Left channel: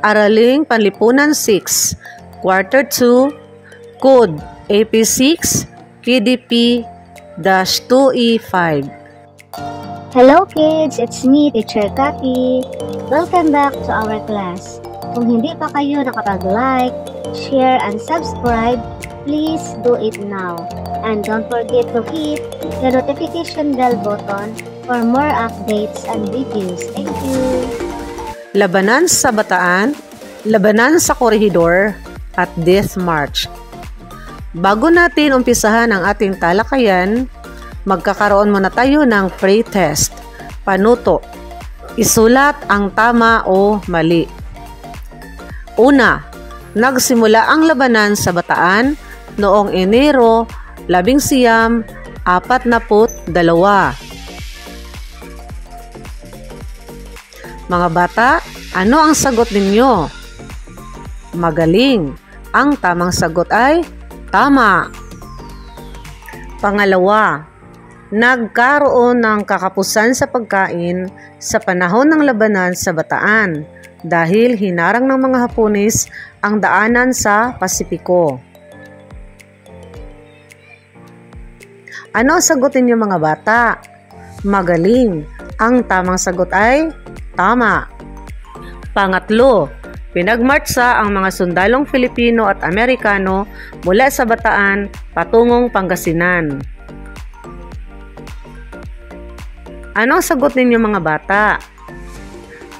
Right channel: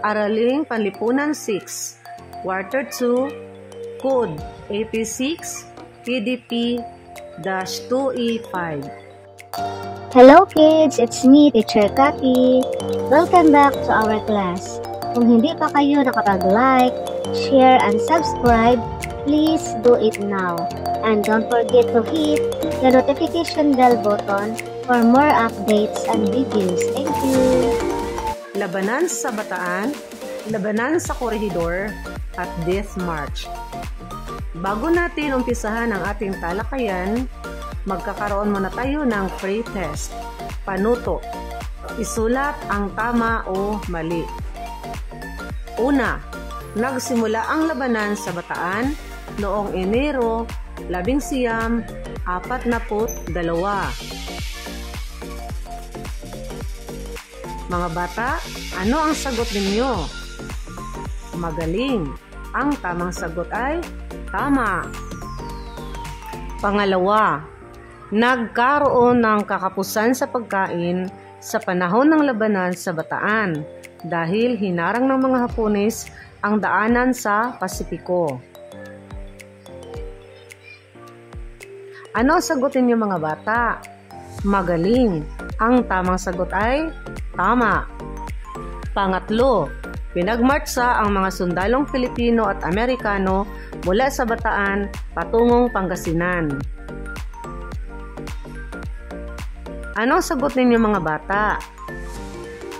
Araling Panlipunan 6, Quarter 2, Code AP6, PDP-2E5. Hello kids, it's me, Teacher Kaki. Welcome back to our class. Kung hindi pa kayo nakapag-like, share, and subscribe, please do it now. And don't forget to hit the notification bell button for more updates and videos. Thank you! Labanan sa Bataan, Labanan sa Corregidor, at Death March. Bago natin umpisahan ang ating talakayan, magkakaroon muna tayo ng pre-test. Panuto. Isulat ang tama o mali. Una, nagsimula ang labanan sa Bataan noong Enero 1942. Mga bata, ano ang sagot ninyo? Magaling. Ang tamang sagot ay tama. Pangalawa, nagkaroon ng kakapusan sa pagkain sa panahon ng labanan sa Bataan dahil hinarang ng mga Hapones ang daanan sa Pasipiko. Ano ang sagot ninyo mga bata? Magaling. Ang tamang sagot ay tama. Pangatlo, pinagmartsa ang mga sundalong Filipino at Amerikano mula sa Bataan patungong Pangasinan. Ano ang sagot ninyo mga bata?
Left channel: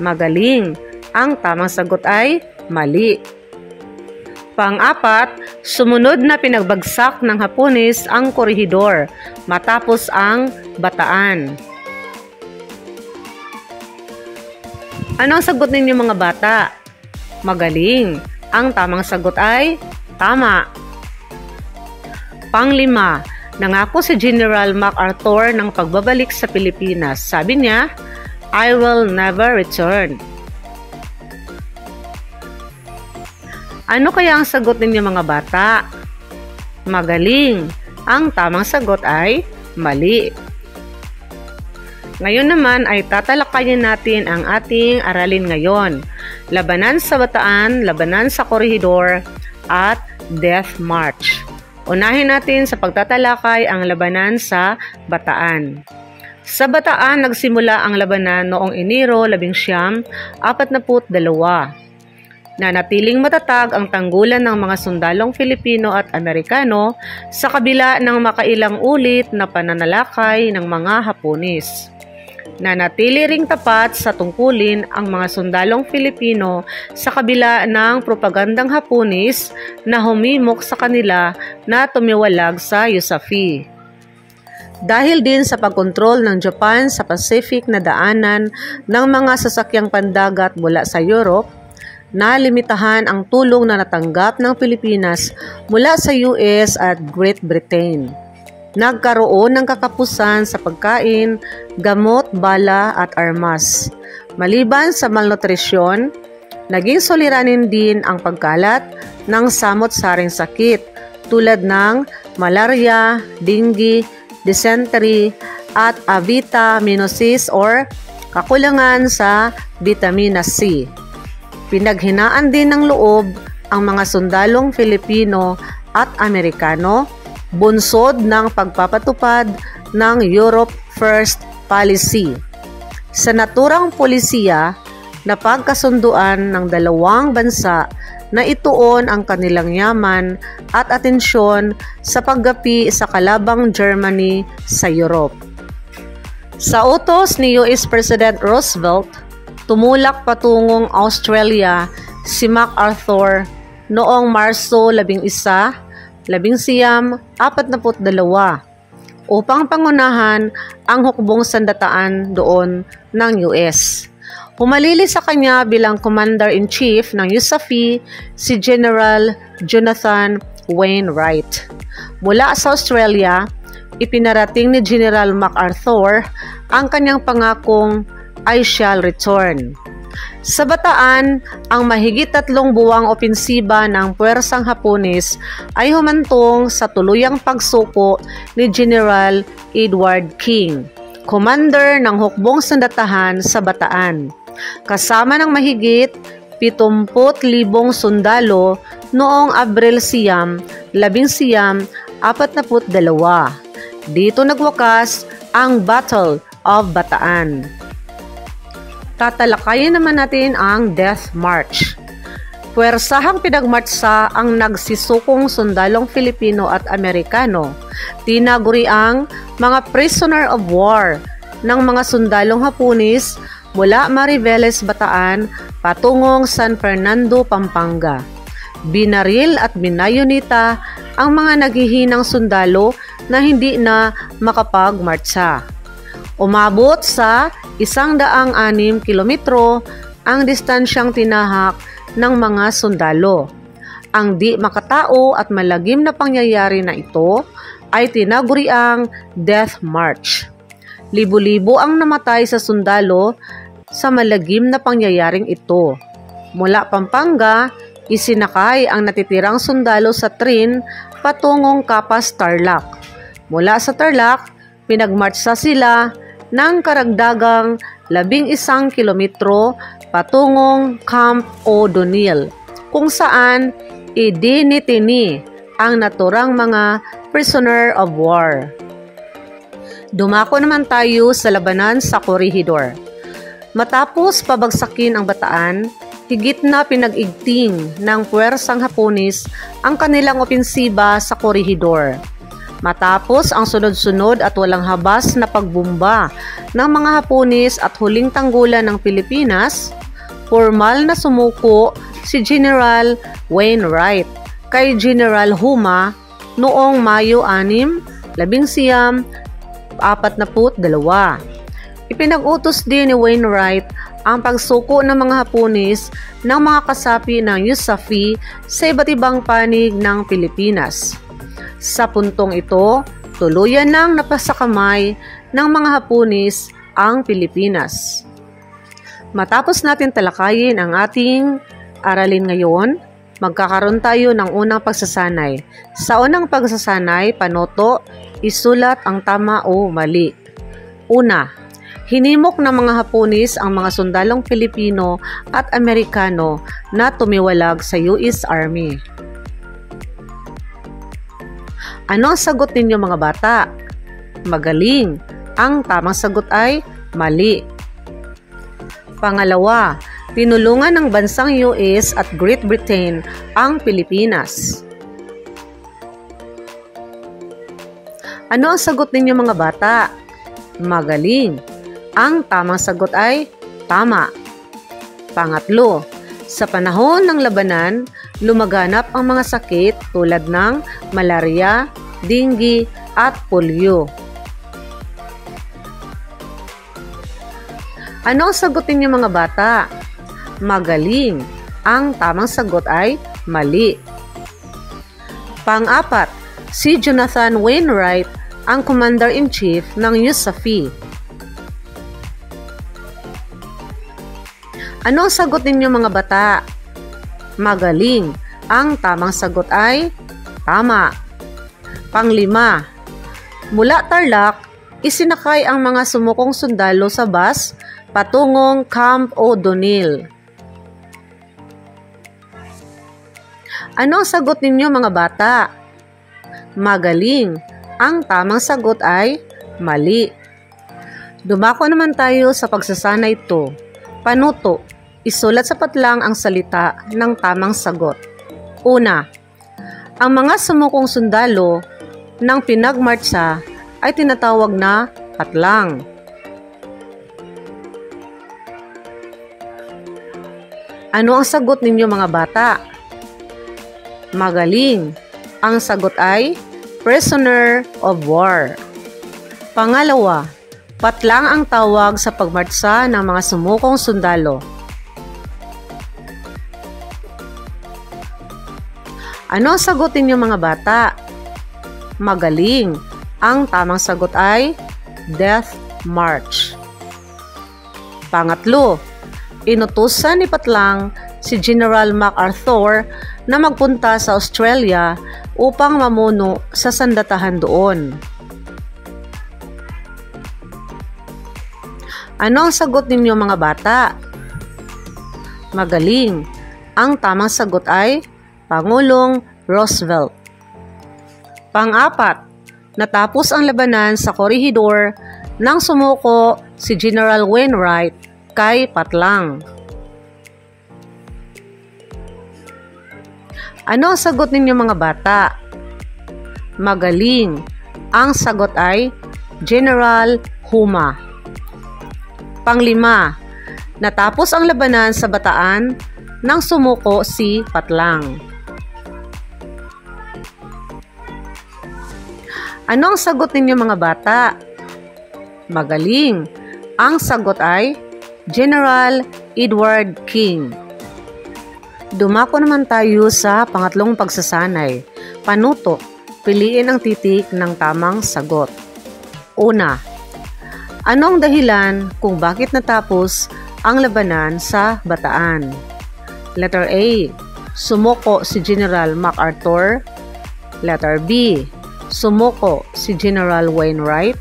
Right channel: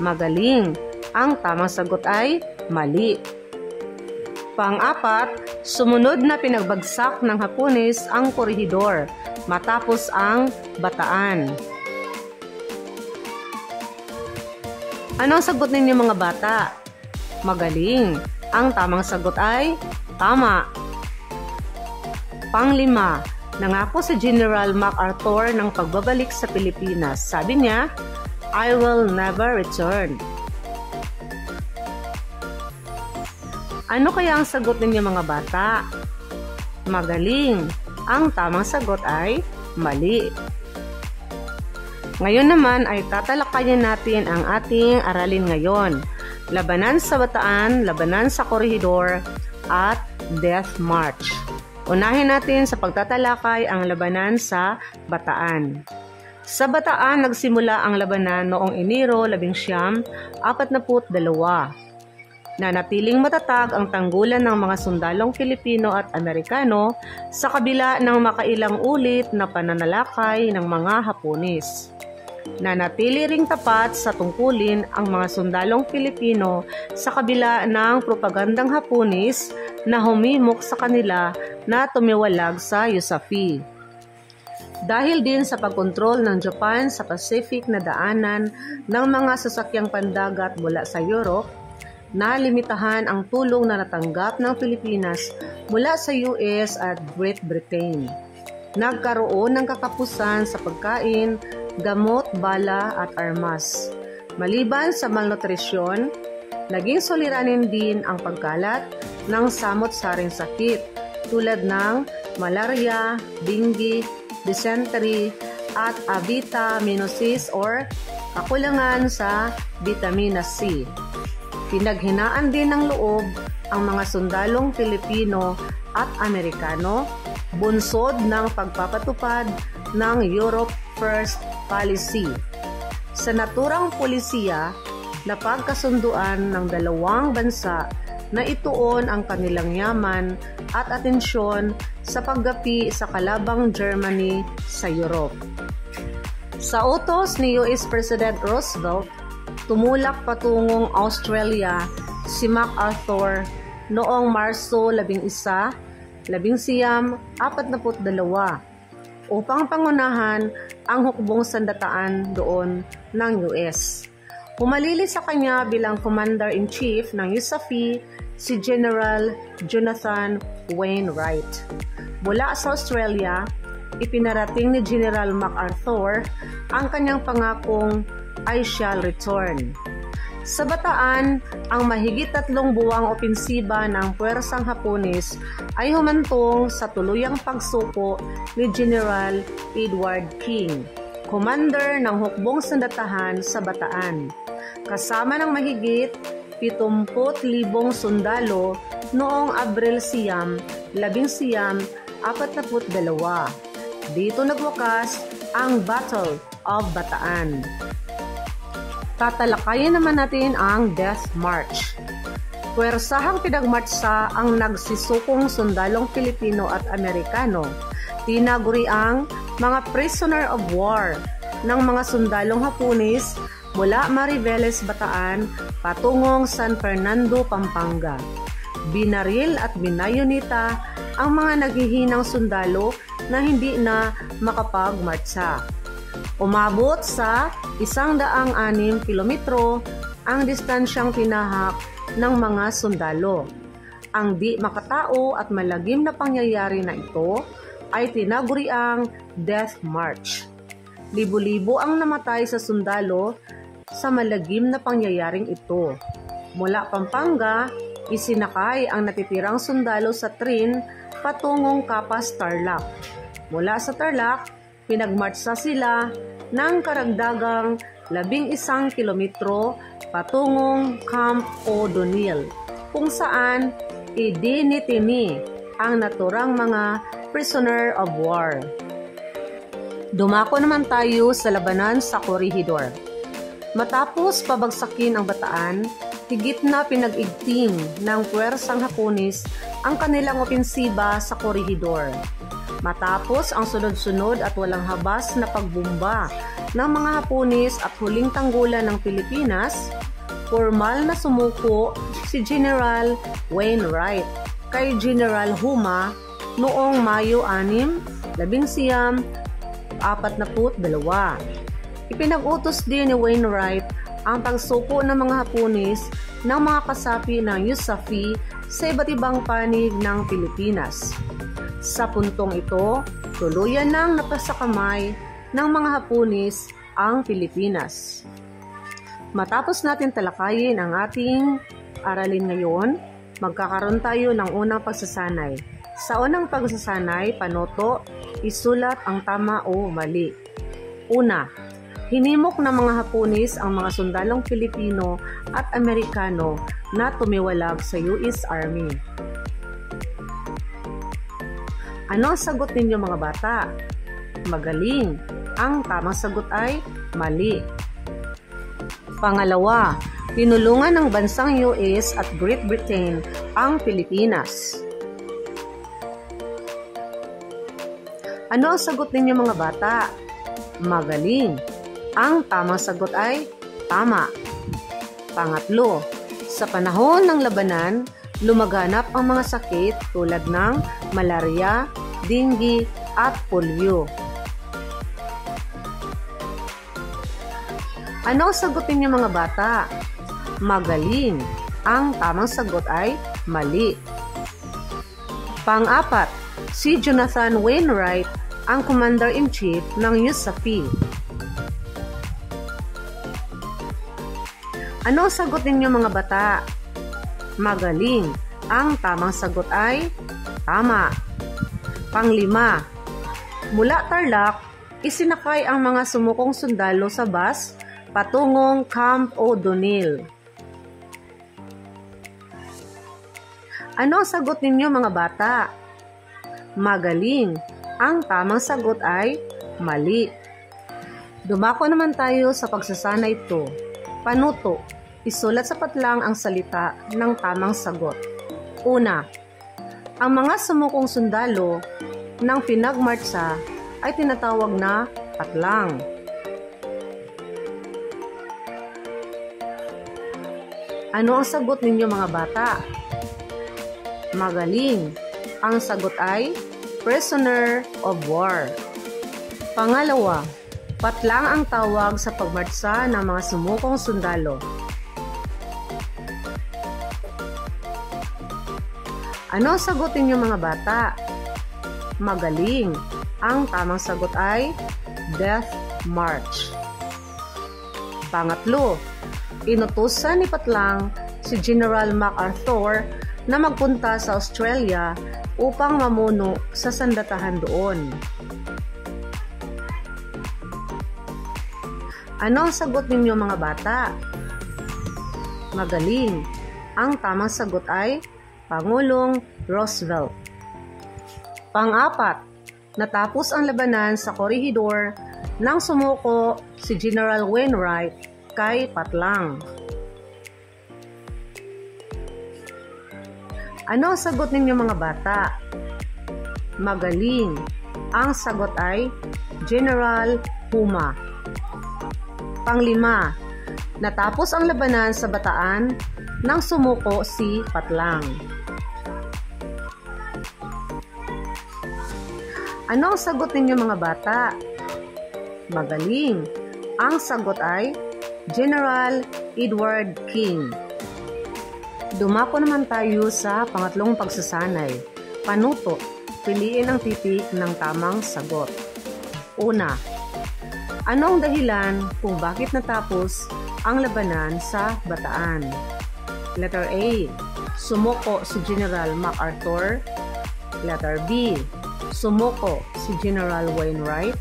Magaling. Ang tamang sagot ay mali. Pang-apat, sumunod na pinagbagsak ng Hapones ang Corregidor matapos ang Bataan. Ano ang sagot ninyo mga bata? Magaling. Ang tamang sagot ay tama. Panglima, nangako si General MacArthur ng pagbabalik sa Pilipinas. Sabi niya, I will never return. Ano kaya ang sagot ninyo mga bata? Magaling. Ang tamang sagot ay mali. Ngayon naman ay tatalakayin natin ang ating aralin ngayon. Labanan sa Bataan, Labanan sa Corregidor, at Death March. Unahin natin sa pagtatalakay ang labanan sa Bataan. Sa Bataan, nagsimula ang labanan noong Enero 1942. Nanatiling matatag ang tanggulan ng mga sundalong Filipino at Amerikano sa kabila ng makailang ulit na pananalakay ng mga Hapones. Nanatili ring tapat sa tungkulin ang mga sundalong Filipino sa kabila ng propagandang Hapones na humimok sa kanila na tumiwalag sa USAFI. Dahil din sa pagkontrol ng Japan sa Pacific na daanan ng mga sasakyang pandagat mula sa Europe, nalimitahan ang tulong na natanggap ng Pilipinas mula sa US at Great Britain. Nagkaroon ng kakapusan sa pagkain, gamot, bala at armas. Maliban sa malnutrisyon, naging suliranin din ang pagkalat ng samot-saring sakit tulad ng malaria, dengue, dysentery at avitaminosis or kakulangan sa vitamina C. Pinaghinaan din ng loob ang mga sundalong Filipino at Amerikano, bunsod ng pagpapatupad ng Europe First Policy. Sa naturang polisiya, napagkasunduan ng dalawang bansa na ituon ang kanilang yaman at atensyon sa paggapi sa kalabang Germany sa Europe. Sa utos ni US President Roosevelt, tumulak patungong Australia si MacArthur noong Marso 11, 1942 upang pangunahan ang hukbong sandataan doon ng US. Humalili sa kanya bilang Commander-in-Chief ng USAFI si General Jonathan Wainwright. Mula sa Australia, ipinarating ni General MacArthur ang kanyang pangakong I shall return. Sa Bataan, ang mahigit 3 buwang opensiba ng puwersang Hapones ay humantong sa tuluyang pagsuko ni General Edward King, commander ng hukbong sandatahan sa Bataan. Kasama ng mahigit 70,000 sundalo noong Abril 1942. Dito nagwakas ang Battle of Bataan. Tatalakayin naman natin ang Death March. Puwersahang pinagmartsa ang nagsisukong sundalong Filipino at Amerikano. Tinaguri ang mga prisoner of war ng mga sundalong Hapones mula Mariveles, Bataan patungong San Fernando, Pampanga. Binaril at binayonita ang mga naghihinang sundalo na hindi na makapagmartsa. Umabot sa 106 kilometro ang distansyang tinahak ng mga sundalo. Ang di makatao at malagim na pangyayari na ito ay tinaguriang Death March. Libo-libo ang namatay sa sundalo sa malagim na pangyayaring ito. Mula Pampanga, isinakay ang natitirang sundalo sa tren patungong Capas, Tarlac. Mula sa Tarlac, pinagmartsa sila ng karagdagang 11 kilometro patungong Camp O'Donnell, kung saan idinitini ang naturang mga prisoner of war. Dumako naman tayo sa labanan sa Corregidor. Matapos pabagsakin ang Bataan, higit na pinag-igting ng puwersang Hapones ang kanilang opensiba sa Corregidor. Matapos ang sunod-sunod at walang habas na pagbumba ng mga Hapones at huling tanggulan ng Pilipinas, formal na sumuko si General Wainwright kay General Huma noong Mayo 6, 1942. Ipinag-utos din ni Wainwright ang pagsuko ng mga Hapones ng mga kasapi ng USAFE sa iba't ibang panig ng Pilipinas. Sa puntong ito, tuluyan nang napasakamay ng mga Hapones ang Pilipinas. Matapos natin talakayin ang ating aralin ngayon, magkakaroon tayo ng unang pagsasanay. Sa unang pagsasanay, panoto, isulat ang tama o mali. Una, hinimok ng mga Hapones ang mga sundalong Pilipino at Amerikano na tumiwalag sa US Army. Ano ang sagot ninyo mga bata? Magaling. Ang tamang sagot ay mali. Pangalawa, tinulungan ng bansang US at Great Britain ang Pilipinas. Ano ang sagot ninyo mga bata? Magaling. Ang tamang sagot ay tama. Pangatlo, sa panahon ng labanan, lumaganap ang mga sakit tulad ng malaria, dengue at polio. Ano ang sagot ninyo mga bata? Magaling. Ang tamang sagot ay mali. Pang-apat, si Jonathan Wainwright ang Commander-in-Chief ng USAFE. Ano ang sagot ninyo mga bata? Magaling. Ang tamang sagot ay tama. Panglima, mula Tarlac, isinakay ang mga sumukong sundalo sa bus patungong Camp O'Donnell. Ano ang sagot ninyo mga bata? Magaling. Ang tamang sagot ay mali. Dumako naman tayo sa pagsasanay ito. Panuto, isulat sa patlang ang salita ng tamang sagot. Una, ang mga sumukong sundalo ng pinagmartsa ay tinatawag na patlang. Ano ang sagot ninyo mga bata? Magaling. Ang sagot ay prisoner of war. Pangalawa, patlang ang tawag sa pagmartsa ng mga sumukong sundalo. Ano ang sagot ninyo mga bata? Magaling. Ang tamang sagot ay Death March. Pangatlo, inutusan ni Patlang si General MacArthur na magpunta sa Australia upang mamuno sa sandatahan doon. Ano ang sagot ninyo mga bata? Magaling. Ang tamang sagot ay Pangulong Roosevelt. Pang-apat, natapos ang labanan sa Corregidor nang sumuko si General Wainwright kay Patlang. Ano ang sagot ninyo mga bata? Magaling. Ang sagot ay General Huma. Panglima, natapos ang labanan sa Bataan nang sumuko si Patlang. Ano ang sagot ninyo mga bata? Magaling. Ang sagot ay General Edward King. Dumako naman tayo sa pangatlong pagsasanay. Panuto, piliin ang titik ng tamang sagot. Una, ano ang dahilan kung bakit natapos ang labanan sa Bataan? Letter A, sumuko si General MacArthur. Letter B, sumuko si General Wainwright.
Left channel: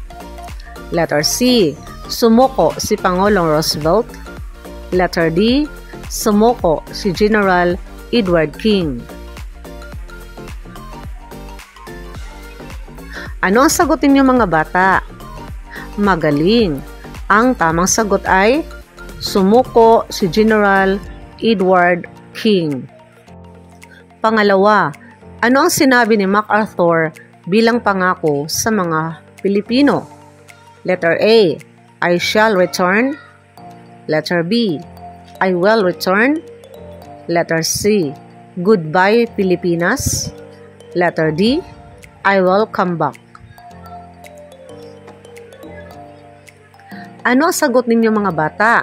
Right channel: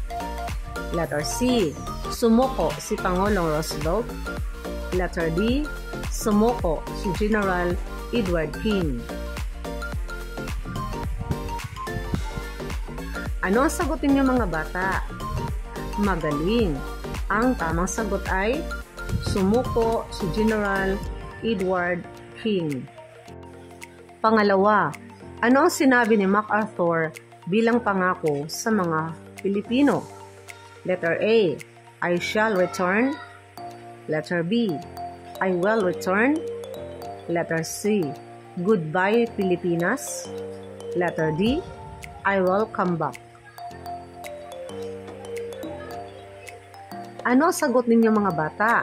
Letter C, sumuko si Pangulong Roosevelt. Letter D, sumuko si General Edward King. Ano ang sagutin niyo mga bata? Magaling. Ang tamang sagot ay sumuko si General Edward King. Pangalawa, ano ang sinabi ni MacArthur bilang pangako sa mga Pilipino? Letter A, I shall return. Letter B, I will return. Letter C, goodbye Pilipinas. Letter D, I will come back. Ano ang sagot ninyo mga bata?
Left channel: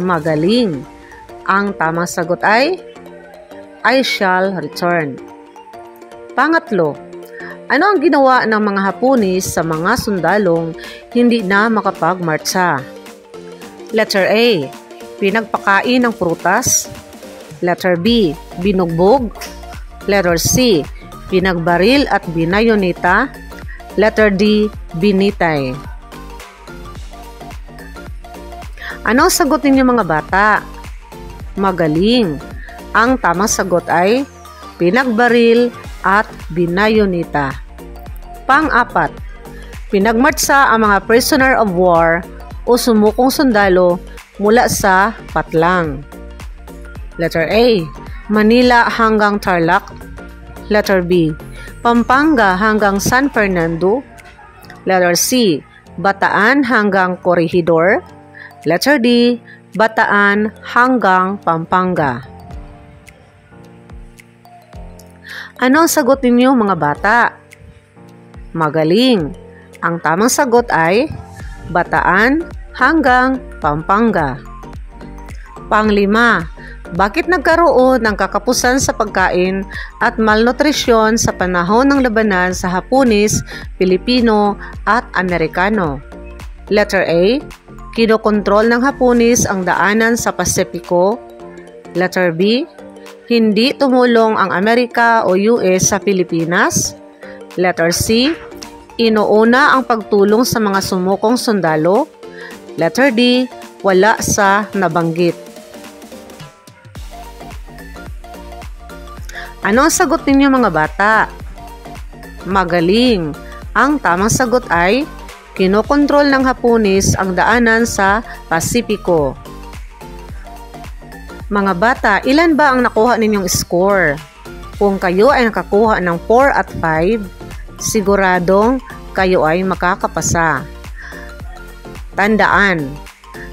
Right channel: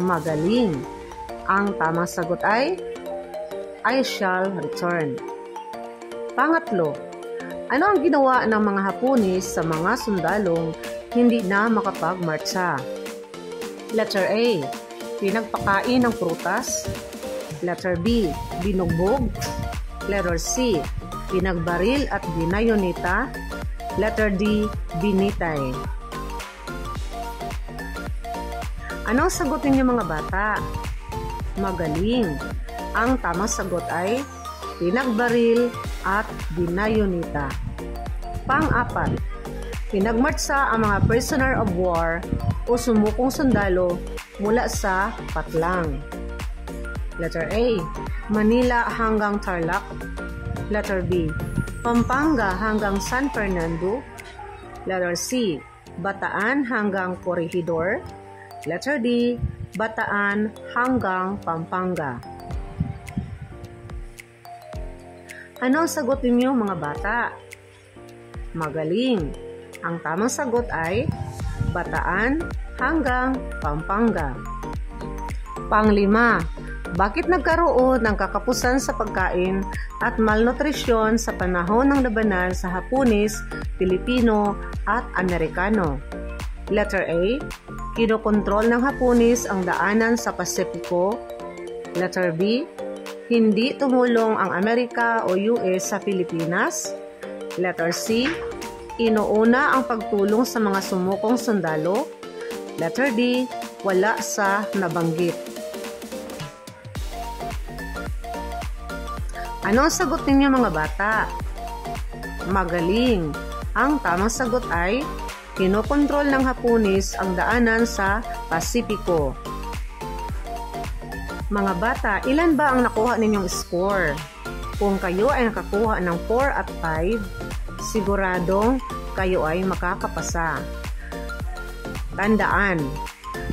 Magaling. Ang tamang sagot ay I shall return. Pangatlo, ano ang ginawa ng mga Hapones sa mga sundalong hindi na makapagmartsa? Letter A, pinagpakain ng prutas. Letter B, binugbog. Letter C, pinagbaril at binayoneta. Letter D, binitay. Ano ang sagot ninyo mga bata? Magaling. Ang tamang sagot ay pinagbaril at binayoneta. Pang-apat, pinagmartsa ang mga prisoner of war o sumukong sundalo mula sa Patlang. Letter A, Manila hanggang Tarlac. Letter B, Pampanga hanggang San Fernando. Letter C, Bataan hanggang Corregidor. Letter D, Bataan hanggang Pampanga. Ano ang sagot ninyo mga bata? Magaling. Ang tamang sagot ay Bataan hanggang Pampanga. Panglima, bakit nagkaroon ng kakapusan sa pagkain at malnutrisyon sa panahon ng labanan sa Hapones, Pilipino at Amerikano? Letter A, kinokontrol ng Hapones ang daanan sa Pasipiko. Letter B, hindi tumulong ang Amerika o US sa Pilipinas. Letter C, inuuna ang pagtulong sa mga sumukong sundalo. Letter D, wala sa nabanggit. Ano ang sagot ninyo mga bata? Magaling. Ang tamang sagot ay kinokontrol ng Hapones ang daanan sa Pasipiko. Mga bata, ilan ba ang nakuha ninyong score? Kung kayo ay nakakuha ng 4 at 5, siguradong kayo ay makakapasa. Tandaan,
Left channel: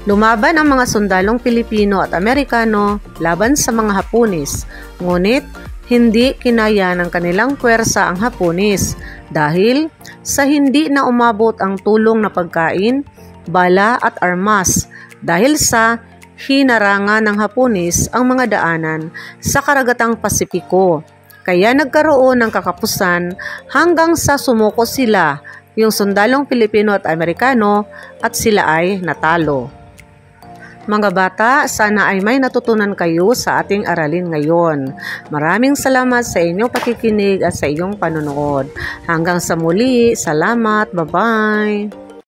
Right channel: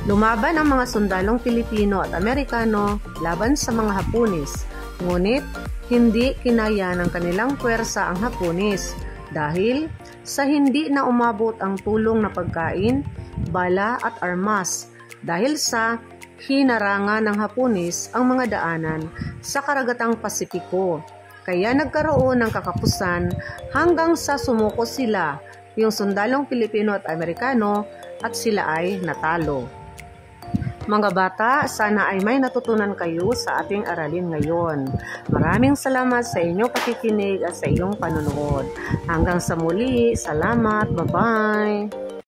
lumaban ang mga sundalong Pilipino at Amerikano laban sa mga Hapones, ngunit hindi kinaya ng kanilang puwersa ang Hapones dahil sa hindi na umabot ang tulong na pagkain, bala at armas dahil sa hinarangan ng Hapones ang mga daanan sa karagatang Pasipiko. Kaya nagkaroon ng kakapusan hanggang sa sumuko sila, yung sundalong Pilipino at Amerikano, at sila ay natalo. Mga bata, sana ay may natutunan kayo sa ating aralin ngayon. Maraming salamat sa inyong pakikinig at sa iyong panonood. Hanggang sa muli, salamat, bye-bye!